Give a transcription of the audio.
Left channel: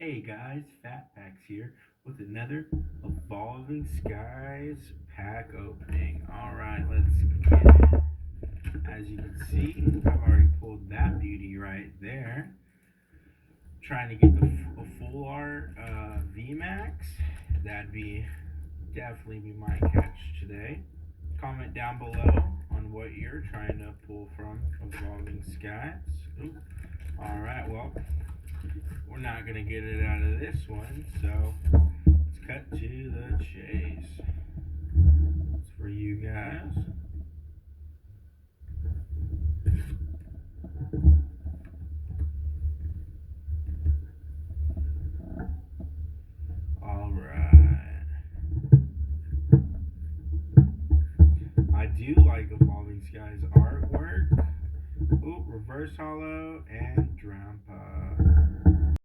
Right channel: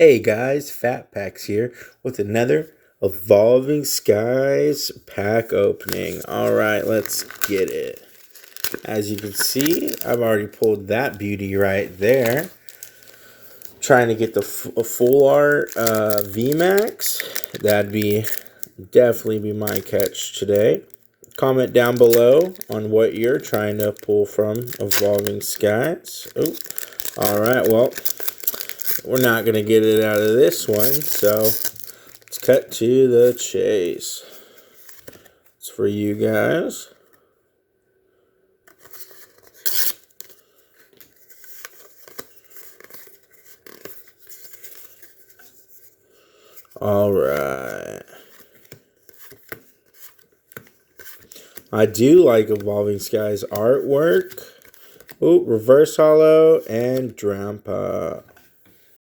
Hey guys, Phat Packs here with another Evolving Skies pack opening. Alright, let's get it. As you can see, I've already pulled that beauty right there. Trying to get the full art VMAX. Definitely be my catch today. Comment down below on what you're trying to pull from Evolving Skies. Oh, alright, well, we're not going to get it out of this one, so let's cut to the chase. It's for you guys. Alright. I do like Evolving Skies artwork. Ooh, reverse hollow and Drampa.